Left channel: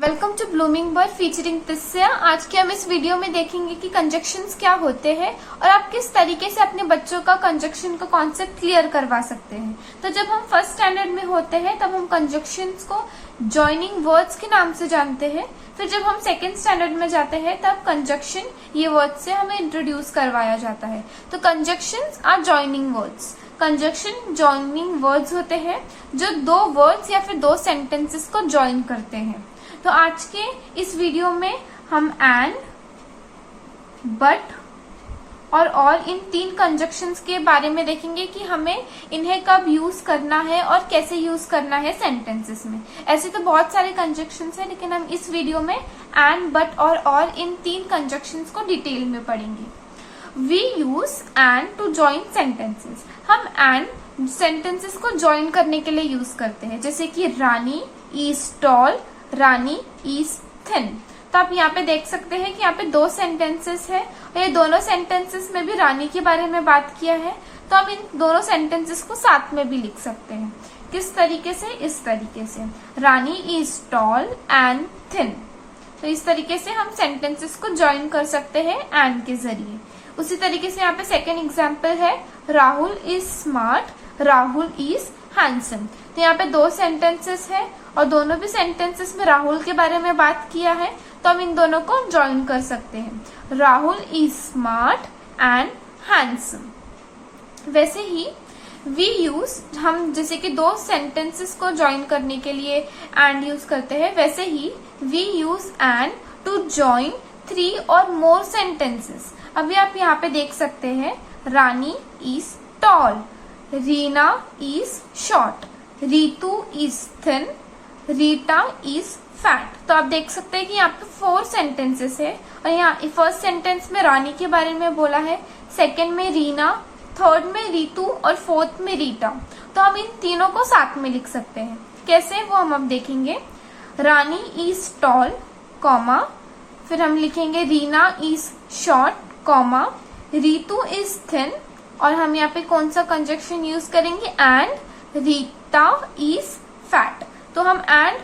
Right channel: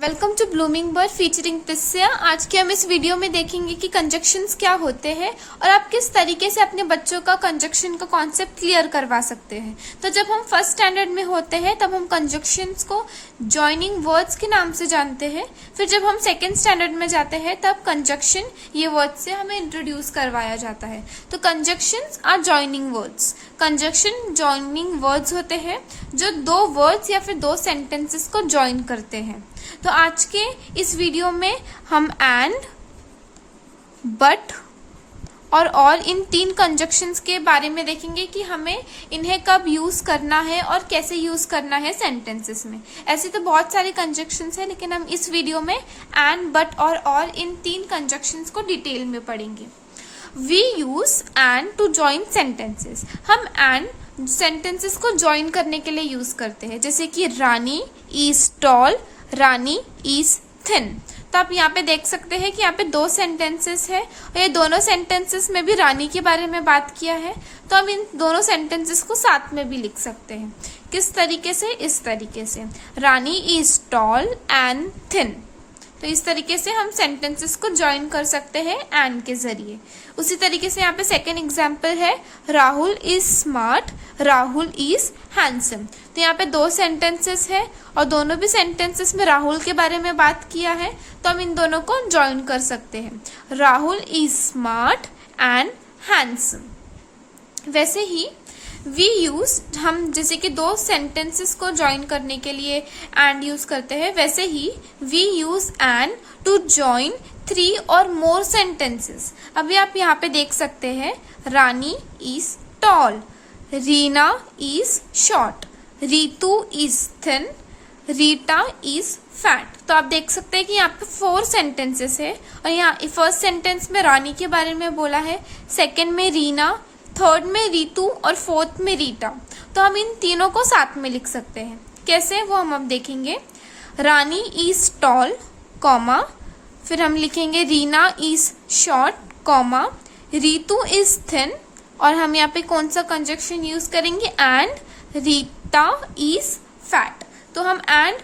Welcome to blooming bird featuring Tisya. आज के हम इस वीडियो में देखेंगे कि कंजक्शंस क्या होते हैं और आप किस तरीके से अपने बच्चों का कंजक्शन का कॉन्सेप्ट क्लियर करवा सकते हैं। तो जब हम फर्स्ट स्टैंडर्ड में होते हैं तब हम कंजक्शंस को जॉइनिंग वर्ड्स के नाम से जानते हैं। फिर जब हम सेकेंड स्टैंडर्ड में जाते हैं तब कंजक्शन ये वर्ड से हमें इंट्रोड्यूस करवाया जाता है। तो conjunctions are joining words. Conjunction joining words होते हैं जो दो वर्ड्स या फिर दो सेंटेंसेस को जॉइन करते हैं। तो आज के इस वीडियो में हम एंड, बट और इन तीन कंजक्शंस के बारे में देखेंगे कि हमें इन्हें कब यूज करना है और कैसे यूज करना है सेंटेंसेस में। ऐसे तो बहुत सारे कंजक्शंस हैं, लेकिन हम इस वीडियो में एंड, बट और इन तीन कंजक्शंस को डिटेल में पढ़ेंगे। We use and to join sentences. हम एंड सेंटेंसेस को जॉइन करने के लिए यूज करते हैं, जैसे कि Rani is tall, Rani is thin. तो आप यहाँ पे देख सकते हैं कि यहाँ पे दो सेंटेंसेस है और ये दोनों सेंटेंसेस में भी रानी के बारे में बात किया है। तो हम इन दोनों सेंटेंसेस को साथ में भी लिख सकते हैं। किस तरीके से? इस तरीके से, रानी इज टॉल एंड थिन। तो इस तरीके से हम सेंटेंसेस को ज्वाइन कर सकते हैं एंड के जरिए। उसी तरीके से यहाँ पे सेकेंड एग्जाम्पल है, Rahul is smart, Rahul is handsome. तो यहाँ पे दो सेंटेंसेस है और दोनों भी सेंटेंसेस में राहुल के बारे में बात किया है, तो हम इन दोनों को ज्वाइन कर सकते हैं। Rahul is smart and handsome. वैसे ही वी यूज, हम जैसे कि दो सेंटेंसेस को ज्वाइन करने के लिए एंड यूज करते हैं, वैसे ही we use and to join 3 और मोर सेंटेंसेस। अभी आप यहाँ पे देख सकते हैं, Rani is tall, Reena is short, Ritu is thin, Rita is fat. तो आप देख सकते हैं कि यहाँ पे 4 सेंटेंसेस है और यहाँ फर्स्ट सेंटेंस में रानी के बारे में बोला है, सेकेंड में रीना, थर्ड में रीतू और फोर्थ में रीटा। तो हम इन तीनों को साथ में लिख सकते हैं। कैसे, वो हम अब देखेंगे। रानी इज टॉल, कॉमा, फिर हम लिखेंगे Reena is short, comma, Ritu is thin, और हम यहाँ पे कौन सा कंजक्शन यूज करेंगे? And, Rita is fat. तो हम एंड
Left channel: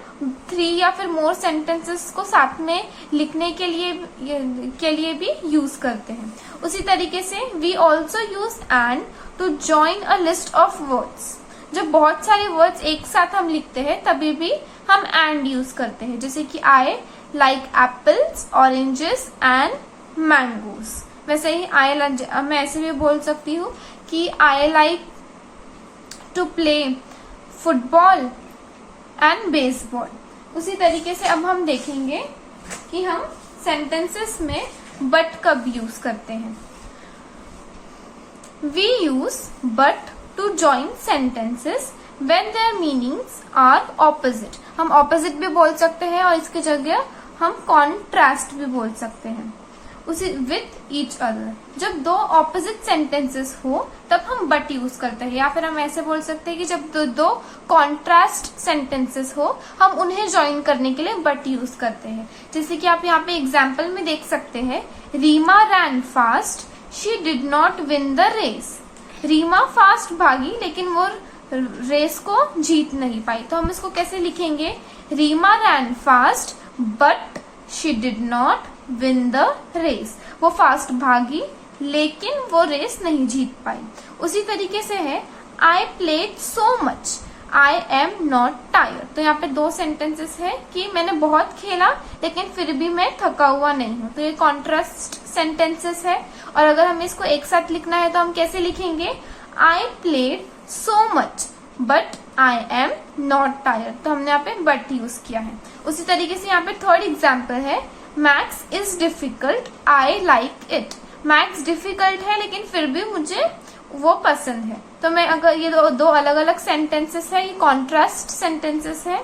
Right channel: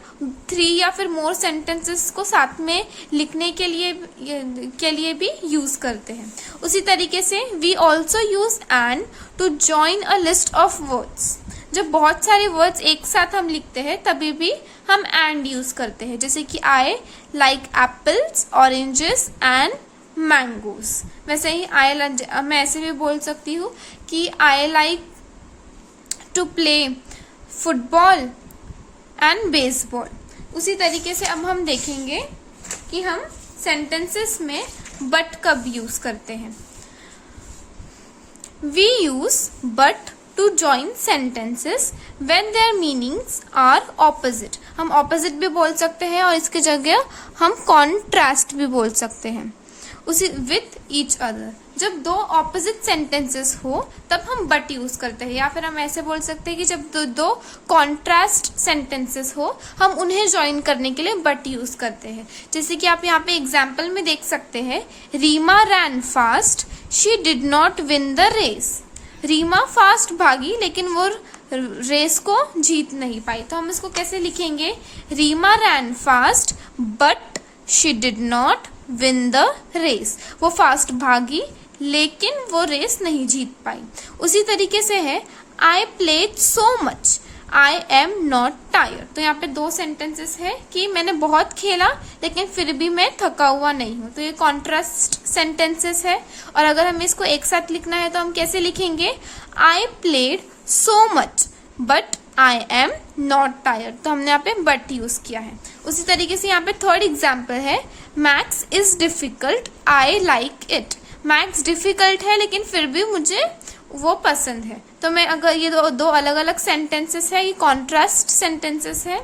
3 या फिर मोर सेंटेंसेस को साथ में लिखने के लिए भी यूज करते हैं। उसी तरीके से we also use and to join a list of words. जब बहुत सारे वर्ड्स एक साथ हम लिखते हैं तभी भी हम एंड यूज करते हैं, जैसे कि I like apples, oranges and mangoes. वैसे ही मैं ऐसे भी बोल सकती हूँ कि I like to play football and baseball. उसी तरीके से अब हम देखेंगे कि हम सेंटेंसेस में बट कब यूज करते हैं। We use but to join sentences when their meanings are opposite. हम ऑपोजिट भी बोल सकते हैं और इसकी जगह हम कॉन्ट्रास्ट भी बोल सकते हैं, उसी विथ ईच अदर। जब दो ऑपोजिट सेंटेंसेस हो तब हम बट यूज करते हैं, या फिर हम ऐसे बोल सकते हैं कि जब दो कॉन्ट्रास्ट सेंटेंसेस हो हम उन्हें ज्वाइन करने के लिए बट यूज करते हैं। जैसे कि आप यहाँ पे एग्जाम्पल में देख सकते हैं, Reema ran fast, she did not win the race. Reema fast भागी लेकिन वो रेस को जीत नहीं पाई। तो हम इसको कैसे लिखेंगे? Reema ran fast but she did not win the race. वो फास्ट भागी लेकिन वो रेस नहीं जीत पाई। उसी तरीके से है, I played so much, I am not tired. तो यहाँ पे 2 सेंटेंसेस है कि मैंने बहुत खेला लेकिन फिर भी मैं थका हुआ नहीं हूँ। तो ये कॉन्ट्रास्ट सेंटेंसेस है, और अगर हमें इसको एक साथ लिखना है तो हम कैसे लिखेंगे? I played so much but I am not tired. तो हमने यहाँ पे बट यूज किया है। उसी तरीके से यहाँ पे थर्ड एग्जाम्पल है, maths is difficult, I like it. Maths difficult है लेकिन फिर भी मुझे वो पसंद है। तो मैं, अगर ये दो अलग अलग सेंटेंसेस है, ये कॉन्ट्रास्ट सेंटेंसेस है,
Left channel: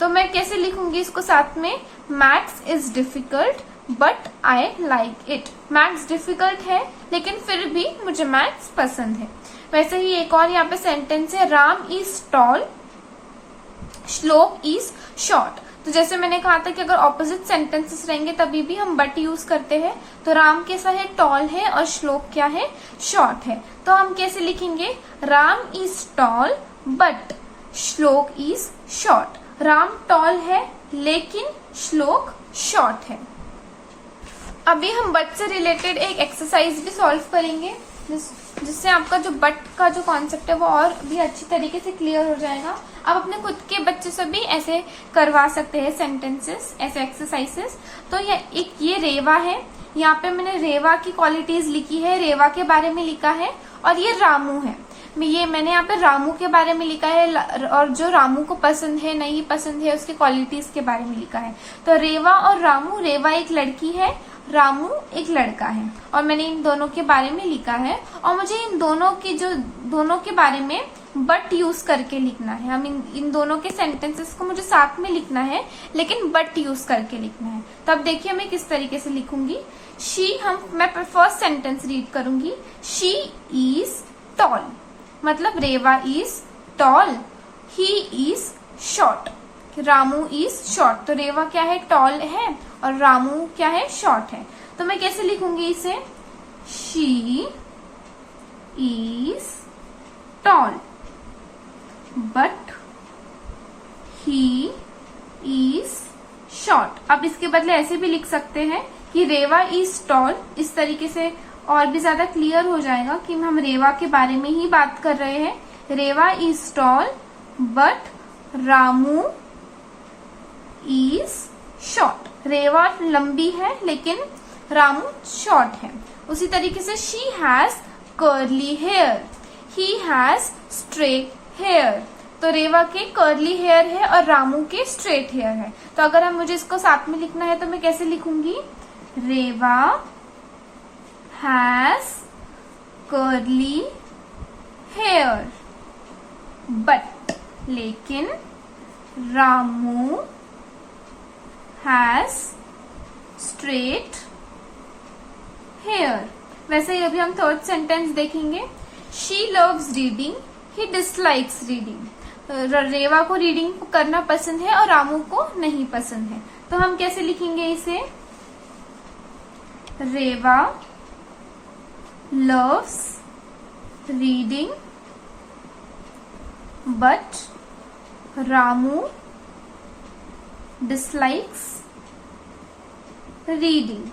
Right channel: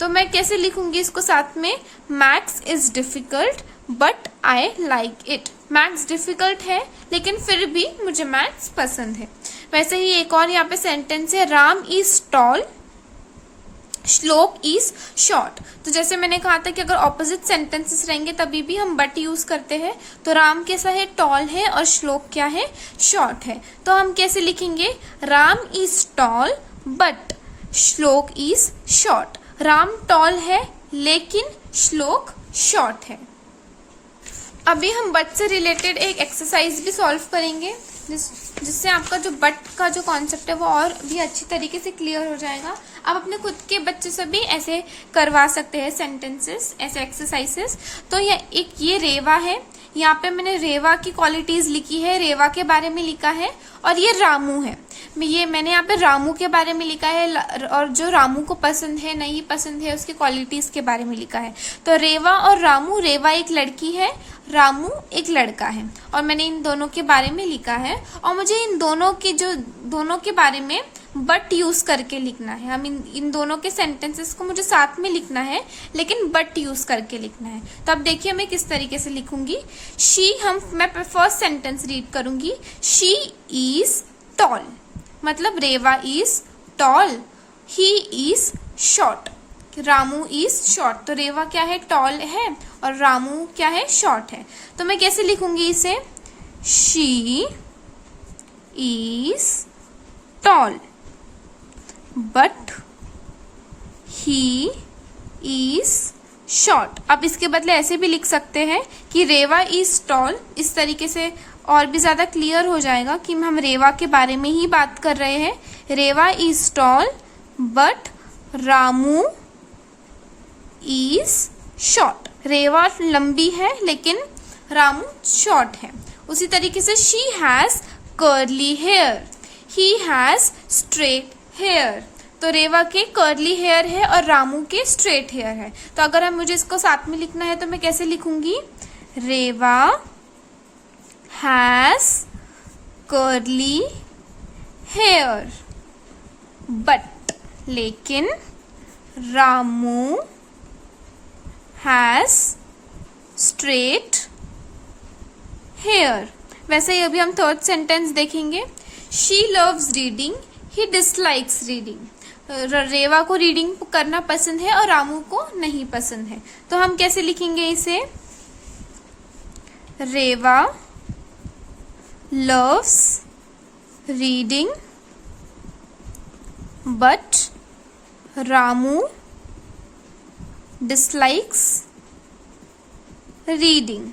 तो मैं कैसे लिखूंगी इसको साथ में? Maths is difficult but I like it. Maths difficult है लेकिन फिर भी मुझे मैथ्स पसंद है। वैसे ही एक और यहाँ पे सेंटेंस है, राम इज टॉल, श्लोक इज शॉर्ट। तो जैसे मैंने कहा था कि अगर ऑपोजिट सेंटेंसेस रहेंगे तभी भी हम बट यूज करते हैं। तो राम कैसा है? टॉल है, और श्लोक क्या है? शॉर्ट है। तो हम कैसे लिखेंगे? राम इज टॉल बट श्लोक इज शॉर्ट। राम टॉल है लेकिन श्लोक शॉर्ट है। अभी हम बट से रिलेटेड एक एक्सरसाइज भी सॉल्व करेंगे जिससे आपका जो बट का जो कॉन्सेप्ट है वो और भी अच्छी तरीके से क्लियर हो जाएगा। आप अपने खुद के बच्चे से भी ऐसे करवा सकते हैं सेंटेंसेस, ऐसे एक्सरसाइजेस। तो ये रेवा है, यहाँ पे मैंने रेवा की क्वालिटीज लिखी है, रेवा के बारे में लिखा है। और ये रामू है, मैंने यहाँ पे रामू के बारे में लिखा है और जो रामू को पसंद है नहीं पसंद है उसकी क्वालिटीज के बारे में लिखा है। तो रेवा और रामू, रेवा एक लड़की है, रामू एक लड़का है, और मैंने इन दोनों के बारे में लिखा है। और मुझे इन दोनों के बारे में बट यूज करके लिखना है। हम इन दोनों के सेंटेंसेस को मुझे साथ में लिखना है, लेकिन बट यूज करके लिखना है। तो अब देखिए मैं किस तरीके से लिखूंगी। मैं फर्स्ट सेंटेंस रीड करूंगी। शी इज टॉल, मतलब Reva is tall, he is short, Ramu is short. तो रेवा क्या है, टॉल है, और रामू क्या है, शॉर्ट है। तो मैं कैसे लिखूंगी इसे, she is tall but he is short. अब इसके बदले ऐसे भी लिख सकते हैं कि रेवा इज टॉल, इस तरीके से और भी ज्यादा क्लियर हो जाएगा कि हम रेवा के बारे में ही बात कर रहे हैं। Reva is tall but Ramu is short. Reva लंबी है लेकिन रामू शॉर्ट है। उसी तरीके से she has curly hair, he has straight hair. तो रेवा के कर्ली हेयर है और रामू के स्ट्रेट हेयर है। तो अगर हम मुझे इसको साथ में लिखना है तो मैं कैसे लिखूंगी, Reva has curly hair but, लेकिन रामू हैज स्ट्रेट हेयर। वैसे ही अभी हम थर्ड सेंटेंस देखेंगे। She loves reading, he dislikes reading. Reva को रीडिंग करना पसंद है और रामू को नहीं पसंद है। तो हम कैसे लिखेंगे इसे, Reva loves reading but Ramu dislikes reading.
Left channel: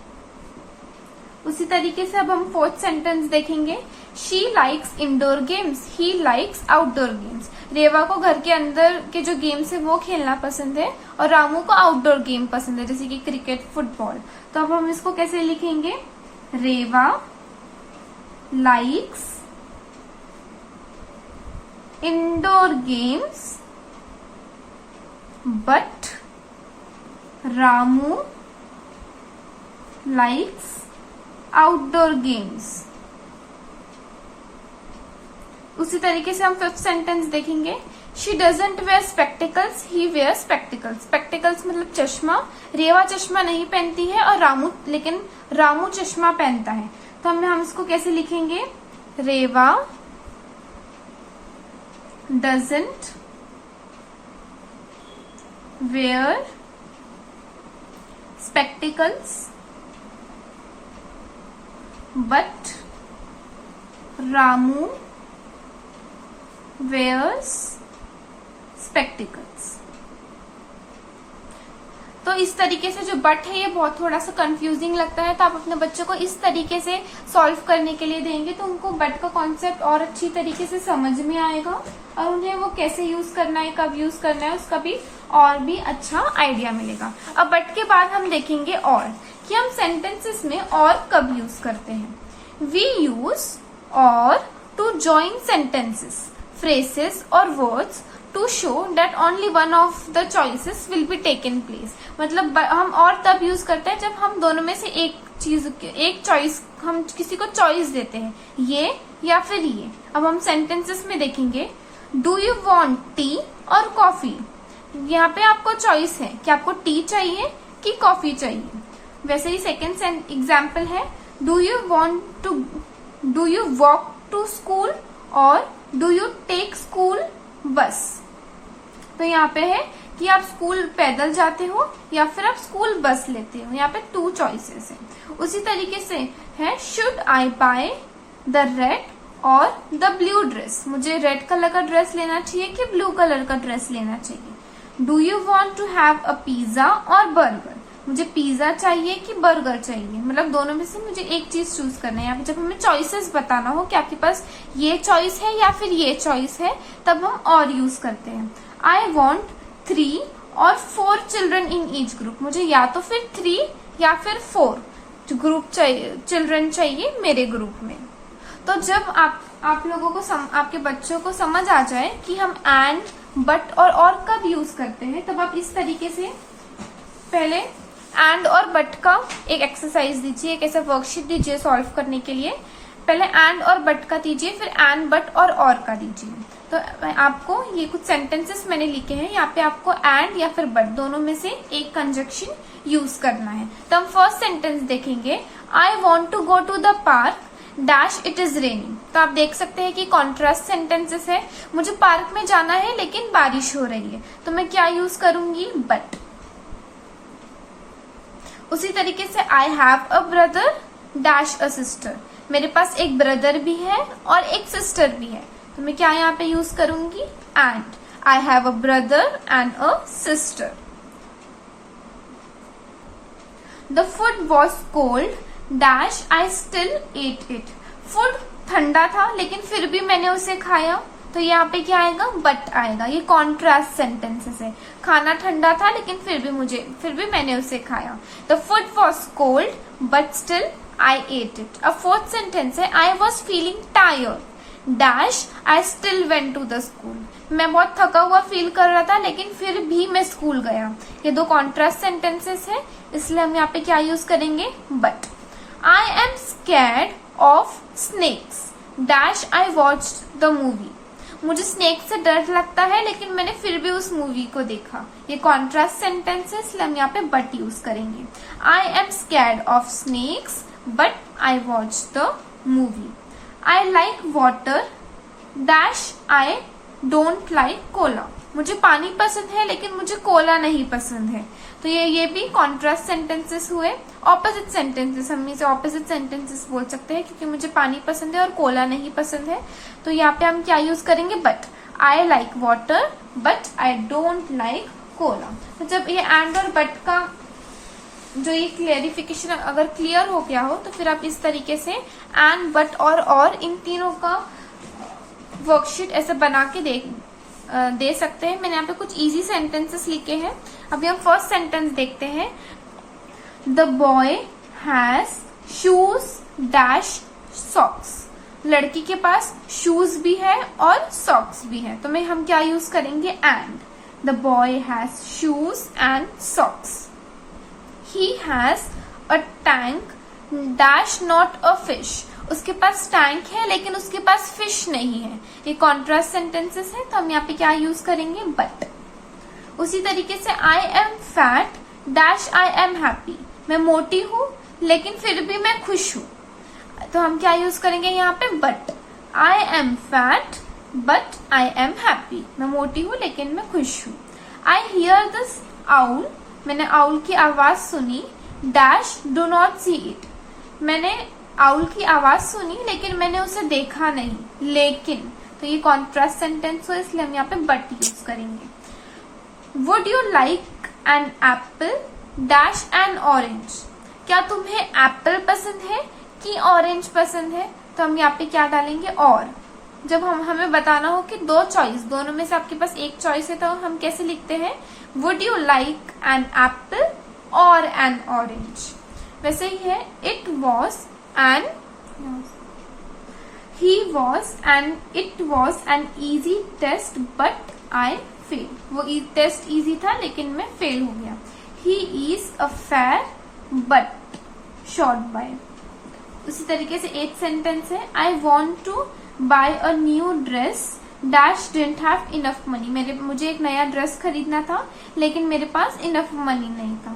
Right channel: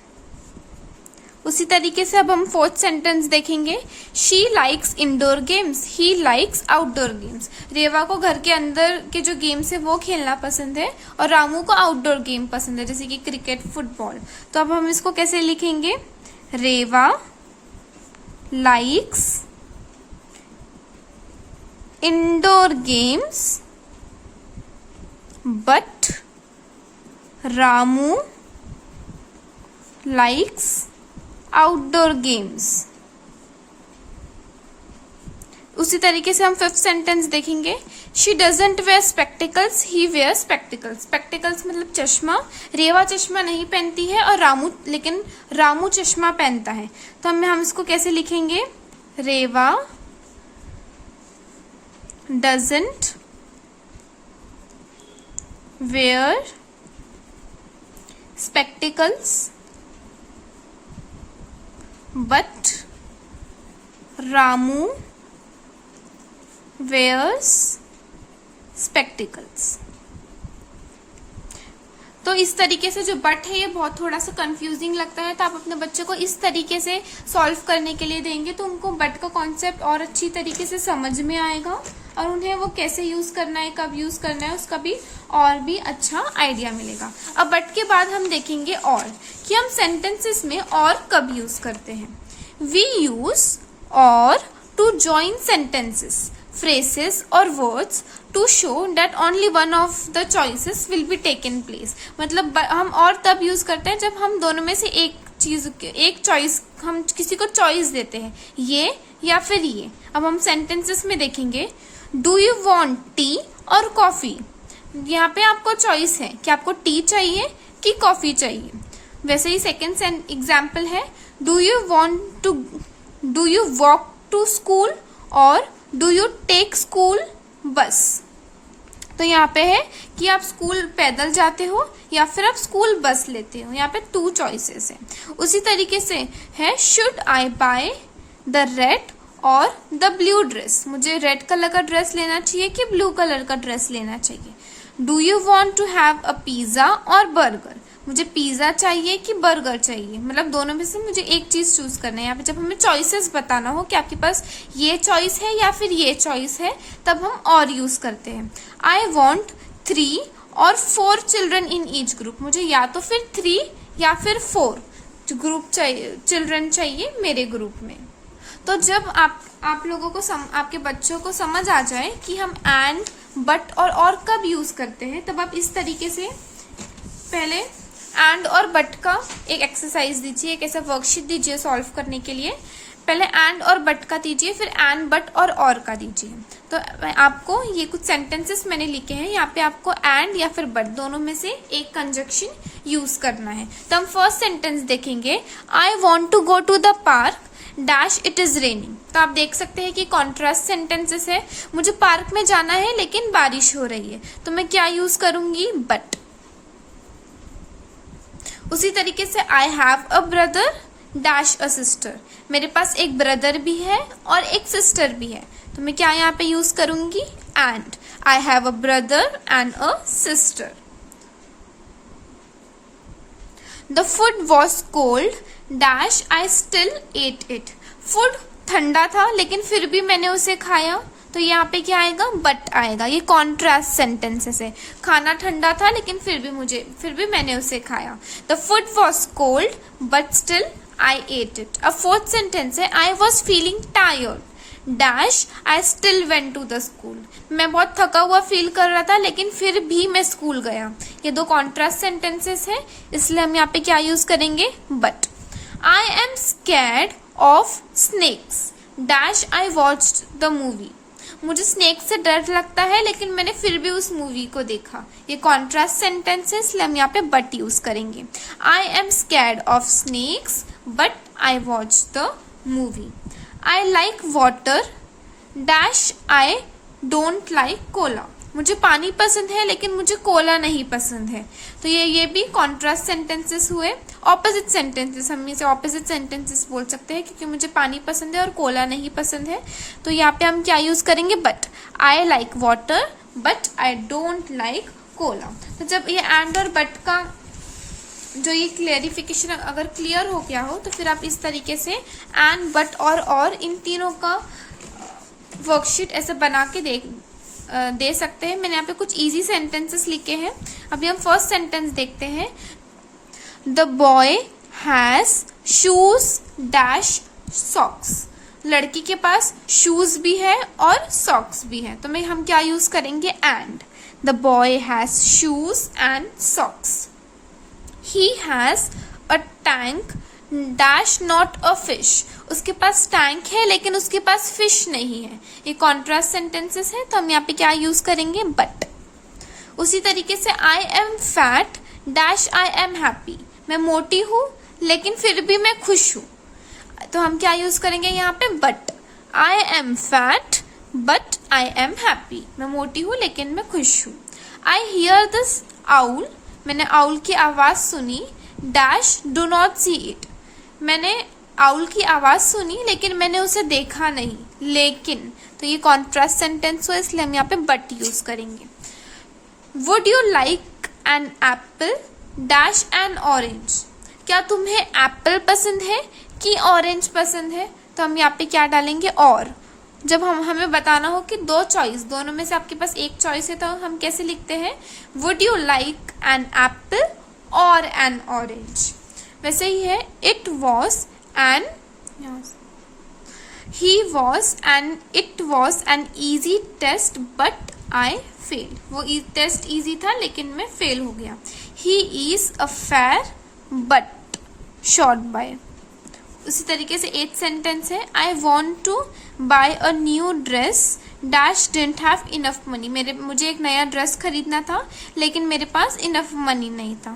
उसी तरीके से अब हम फोर्थ सेंटेंस देखेंगे। She likes indoor games, he likes outdoor games. Reva को घर के अंदर के जो गेम्स है वो खेलना पसंद है और रामू को आउटडोर गेम पसंद है, जैसे कि क्रिकेट, फुटबॉल। तो अब हम इसको कैसे लिखेंगे, Reva likes indoor games but Ramu likes outdoor games. उसी तरीके से हम फिफ्थ सेंटेंस देखेंगे। She doesn't wear spectacles, he wear spectacles. Spectacles मतलब चश्मा। रेवा चश्मा नहीं पहनती है और रामू चश्मा पहनता है। तो हम इसको कैसे लिखेंगे, Reva doesn't wear spectacles but Ramu wears spectacles। तो इस तरीके से जो बट है ये बहुत थोड़ा सा कंफ्यूजिंग लगता है, तो आप अपने बच्चे को इस तरीके से सॉल्व करने के लिए देंगे तो उनको बट का कॉन्सेप्ट और अच्छी तरीके से समझ में आएगा और उन्हें वो कैसे यूज करना है, कब यूज करना है, उसका भी और भी अच्छा आइडिया मिलेगा। अब बट के बाद हम देखेंगे और कि हम सेंटेंसेस में और कब यूज करते हैं। We use or to join sentences, phrases or words to show that only one of the choices will be taken place। मतलब हम और तब यूज करते हैं जब हम दोनों में से एक चॉइस, हम किसी को चॉइस देते हैं, ये या फिर ये। अब हम सेंटेंसेस में देखेंगे, डू यू वॉन्ट टी और कॉफी। यहाँ पे आपको चॉइस है कि आपको टी चाहिए कि कॉफी चाहिए। वैसे ही सेकेंड एग्जाम्पल है, do you walk to school और do you take school bus. तो यहाँ पे है कि आप स्कूल पैदल जाते हो या फिर आप स्कूल बस लेते हो। यहाँ पे 2 चॉइसेस हैं। उसी तरीके से है, should I buy the red or the blue dress. मुझे रेड कलर का ड्रेस लेना चाहिए कि ब्लू कलर का ड्रेस लेना चाहिए। Do you want to have a pizza or burger, मुझे पिज्जा चाहिए कि बर्गर चाहिए, मतलब दोनों में से मुझे एक चीज चूज करना है। यहाँ पे जब हमें चॉइसेस बताना हो कि आपके पास ये चॉइस है या फिर ये चॉइस है, तब हम और यूज करते हैं। आई वॉन्ट 3 और 4 चिल्ड्रन इन ईच ग्रुप, मुझे या तो फिर 3 या फिर 4 ग्रुप चाहिए, चिल्ड्रन चाहिए मेरे ग्रुप में। तो जब आप लोगों को आपके बच्चों को समझ आ जाए कि हम एंड, बट और कब यूज करते हैं, तब आप इस तरीके से पहले एंड और बट का एक एक्सरसाइज दीजिए, एक ऐसा वर्कशीट दीजिए सॉल्व करने के लिए। पहले एंड और बट का दीजिए, फिर एंड, बट और का दीजिए। तो आपको ये कुछ सेंटेंसेस मैंने लिखे हैं, यहाँ पे आपको एंड या फिर बट दोनों में से एक कंजक्शन यूज करना है। तो हम फर्स्ट सेंटेंस देखेंगे, I want to go to the park dash it is raining. तो आप देख सकते हैं कि कॉन्ट्रास्ट सेंटेंसेस है, मुझे पार्क में जाना है लेकिन बारिश हो रही है, तो मैं क्या यूज करूंगी, बट। उसी तरीके से आई have a brother dash a sister, मेरे पास एक ब्रदर भी है और एक सिस्टर भी है, तो मैं क्या यहाँ पे यूज करूंगी, and. I have a brother and a sister. The food was cold dash I still at it, food ठंडा था लेकिन फिर भी मैंने उसे खाया, तो यहाँ पे क्या आएगा, बट आएगा। ये कॉन्ट्रास्ट सेंटेंसेस है, खाना ठंडा था लेकिन फिर भी मैंने उसे खाया। The food was cold but still I ate it. अब फोर्थ सेंटेंस है, I was feeling tired dash I still went to the school, मैं बहुत थका हुआ फील कर रहा था लेकिन फिर भी मैं स्कूल गया। ये दो कॉन्ट्रास्ट सेंटेंसेस है, इसलिए हम यहाँ पे क्या यूज करेंगे, but. I am scared of snakes dash I watched the movie, मुझे स्नेक से डर लगता है लेकिन मैंने फिर भी उस मूवी को देखा। ये कॉन्ट्रास्ट सेंटेंस है, इसलिए हम यहाँ पे बट यूज करेंगे। I am scared of snakes but I watch the movie. I like water dash I don't like Cola, मुझे पानी पसंद है लेकिन मुझे कोला नहीं पसंद है। तो ये भी कॉन्ट्रास्ट सेंटेंसेस हुए। ऑपोजिट सेंटेंसेस, हम इसे ऑपोजिट सेंटेंसेस बोल सकते हैं, क्योंकि मुझे पानी पसंद है और कोला नहीं पसंद है, तो यहाँ पे हम क्या यूज करेंगे, but. I like water but I don't like Cola. तो जब ये एंड और बट का जो ये क्लियरिफिकेशन अगर क्लियर हो गया हो, तो फिर आप इस तरीके से एंड, बट और इन तीनों का वर्कशीट ऐसे बना के दे सकते हैं। मैंने यहाँ पे कुछ इजी सेंटेंसेस लिखे हैं। अभी हम फर्स्ट सेंटेंस देखते हैं, the boy has shoes dash socks, लड़की के पास शूज भी है और सॉक्स भी है, तो हम क्या यूज करेंगे, and. The boy has shoes and socks. He has a tank dash not a fish, उसके पास टैंक है लेकिन उसके पास फिश नहीं है। ये कॉन्ट्रास्ट सेंटेंसेस है, तो हम यहाँ पे क्या यूज करेंगे, बट। उसी तरीके से I am fat dash I am happy, मैं मोटी हूं लेकिन फिर भी मैं खुश हूं, तो हम क्या यूज करेंगे यहाँ पे, but. I am fat but I am happy, मैं मोटी हूं लेकिन मैं खुश हूं। आई हियर दिस आउल, मैंने आउल की आवाज सुनी dash do not see it, मैंने आउल की आवाज सुनी लेकिन मैंने उसे देखा नहीं, लेकिन। तो ये कॉन्ट्रास्ट सेंटेंस हो, इसलिए हम यहाँ पे बट यूज करेंगे। Would you like an apple dash N orange, क्या तुम्हें एप्पल पसंद है कि ऑरेंज पसंद है, तो हम यहाँ पे क्या डालेंगे, और। जब हमें बताना हो कि दो चॉइस, दोनों में से आपके पास एक चॉइस है, तो हम कैसे लिखते हैं, would you like an apple और एन ऑरेंज। वैसे ही है, it was an, it was an easy test but I failed, वो टेस्ट इजी था लेकिन मैं फेल हो गया। he is a fair but short by। उसी तरीके से 8th सेंटेंस है, I want to buy a new dress dash didn't have enough money, मुझे एक नया ड्रेस खरीदना था लेकिन मेरे पास enough money नहीं था।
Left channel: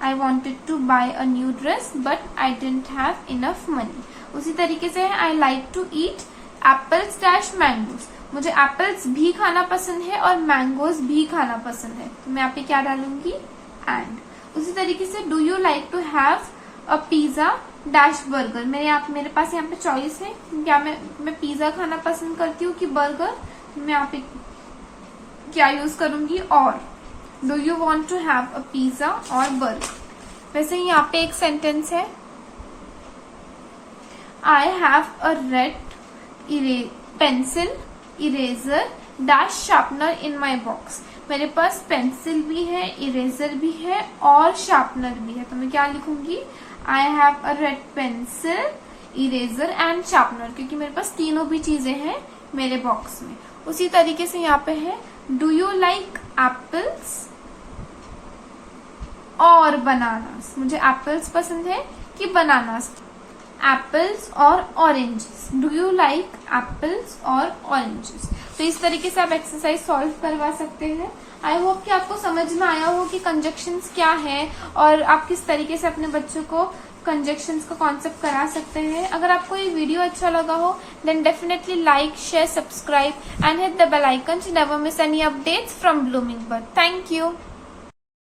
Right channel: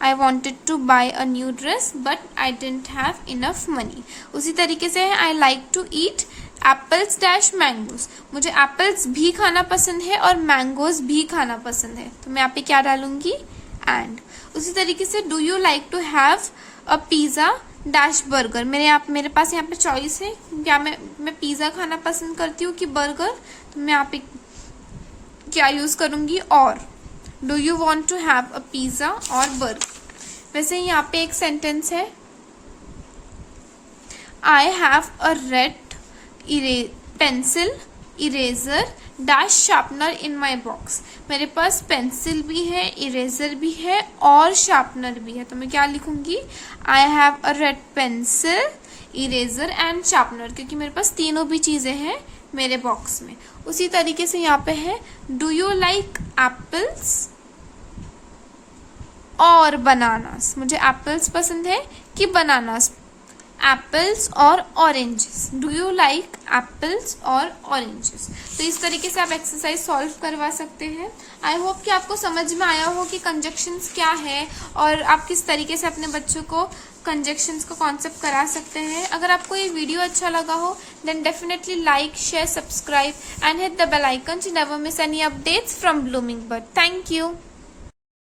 I wanted to buy a new dress but I didn't have enough money। उसी तरीके से है, I like to eat apples dash mangoes, मुझे एप्पल्स भी खाना पसंद है और मैंगोज भी खाना पसंद है, तो मैं यहाँ पे क्या डालूंगी, एंड। उसी तरीके से do you like to have a pizza dash burger, मेरे पास यहाँ पे चॉइस है, क्या मैं पिज्जा खाना पसंद करती हूँ कि बर्गर, तो मैं यहाँ पे क्या यूज करूंगी, or. Do you want to have a pizza or burger. वैसे यहाँ पे एक सेंटेंस है, I have a red pencil, eraser, dash sharpener in my box. मेरे पास पेंसिल भी है, इरेजर भी है और शार्पनर भी है। तो मैं क्या लिखूंगी, आई have a red pencil, eraser and sharpener, क्योंकि मेरे पास तीनों भी चीजें हैं मेरे बॉक्स में। उसी तरीके से यहाँ पे है, डू यू लाइक एप्पल्स और बनानास। मुझे एप्पल्स पसंद है कि बनानास। एप्पल्स और oranges, do you like apples और ऑरेंजेस। तो इस तरीके से आप एक्सरसाइज सॉल्व करवा सकते हैं। आई होप कि आपको समझ में आया हो कि कंजक्शंस क्या है और आप किस तरीके से अपने बच्चों को कंजक्शंस का कॉन्सेप्ट करा सकते हैं। अगर आपको ये वीडियो अच्छा लगा हो then definitely like, share, subscribe and hit the bell icon to never miss any updates from Blooming Bird. Thank you.